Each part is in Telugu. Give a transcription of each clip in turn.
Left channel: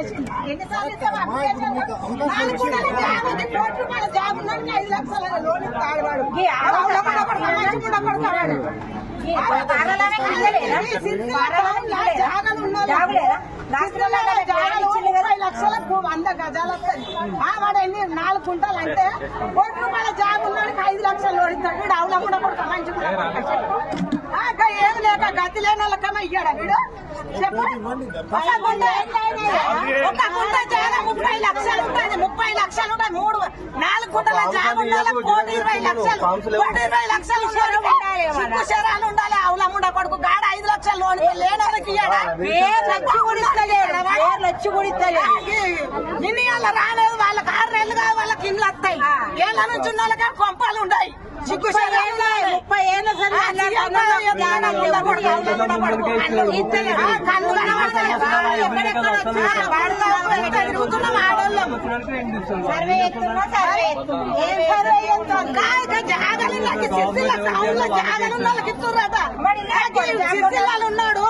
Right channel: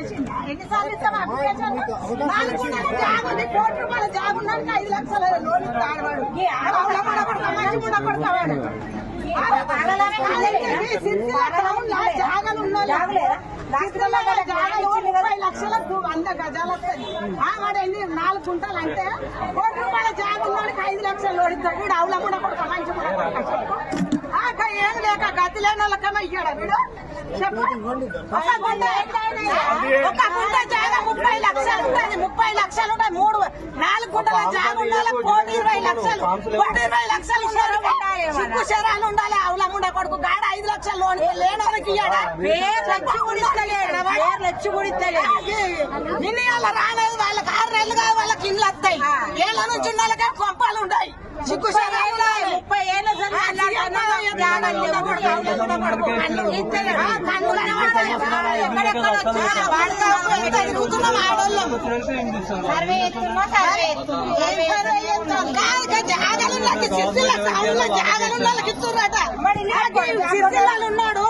ఎన్నిసార్లు ఇస్తాం అప్లికేషన్? 4 గుంటల జాబ్ ఉంది, ₹1,00,000 జాబ్ ఉన్నానికి 5 లక్షల లోన్ ఇస్తాడు వాడు. జాగాలు ఉన్న జాగాలు 30 లక్షలకు 100 గజాలు వస్తుంది. వాడు ఎన్ని 4 గుంటలు అంటే ₹1,00,000 జాబ్ ఉన్నానికి 5 లక్షలు లోన్ ఇస్తాడు. వీడు అవులమ్ముడ కొడుక మంచి కూడా కొడుక ఏం లేక గతి లేని వాళ్ళకన్నా ఇయ్యాడా వీడు? చెప్పు. ఒక గుంట జాగా 30 లక్షలు ఉంటుంది, 30 లక్షలు ఉంటాయి. 4 గుంటల జాగా ఉన్న వాళ్ళకి 1,20 లక్షలు, 1,20 లక్షలు శరాలు ఉండాలి. అవులమ్ముడ కొడుకు గాడ 5 లక్షలు లోన్ లేని వాళ్ళకి ఇయ్యాడా? నిన్న వాళ్ళ రాలేదు, వాళ్ళకి 6 నెలలు కాదు, వాళ్ళకి ఇండ్లు వస్తాయి. ఏళ్ళ నుంచి ఉన్న వాళ్ళకి కొంపాలు ఉంటాయి. సిగ్గు జాగాలు ఉన్నాడు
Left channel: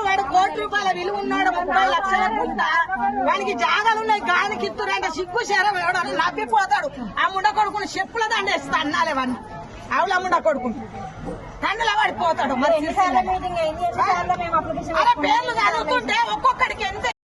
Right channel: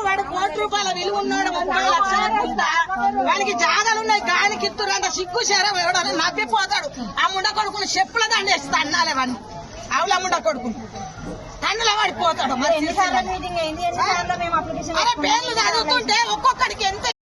వాడు ₹1,00,000 విలువ ఉన్నాడు, 30 లక్షల గుంట వానికి జాగాలు ఉన్నాయి. గానికి ఇస్తురంట సిగ్గు శరం ఎవడో నవ్విపోతాడు. ఆ ముండ కొడుకుని చెప్పుల దండేస్తా అన్నాలే వాడిని. అవుల ముండ కొడుకుని కన్నుల పడిపోతాడు. మరి పేర్లు చదువుతుంటే ఒక్కొక్కడికి ఎంత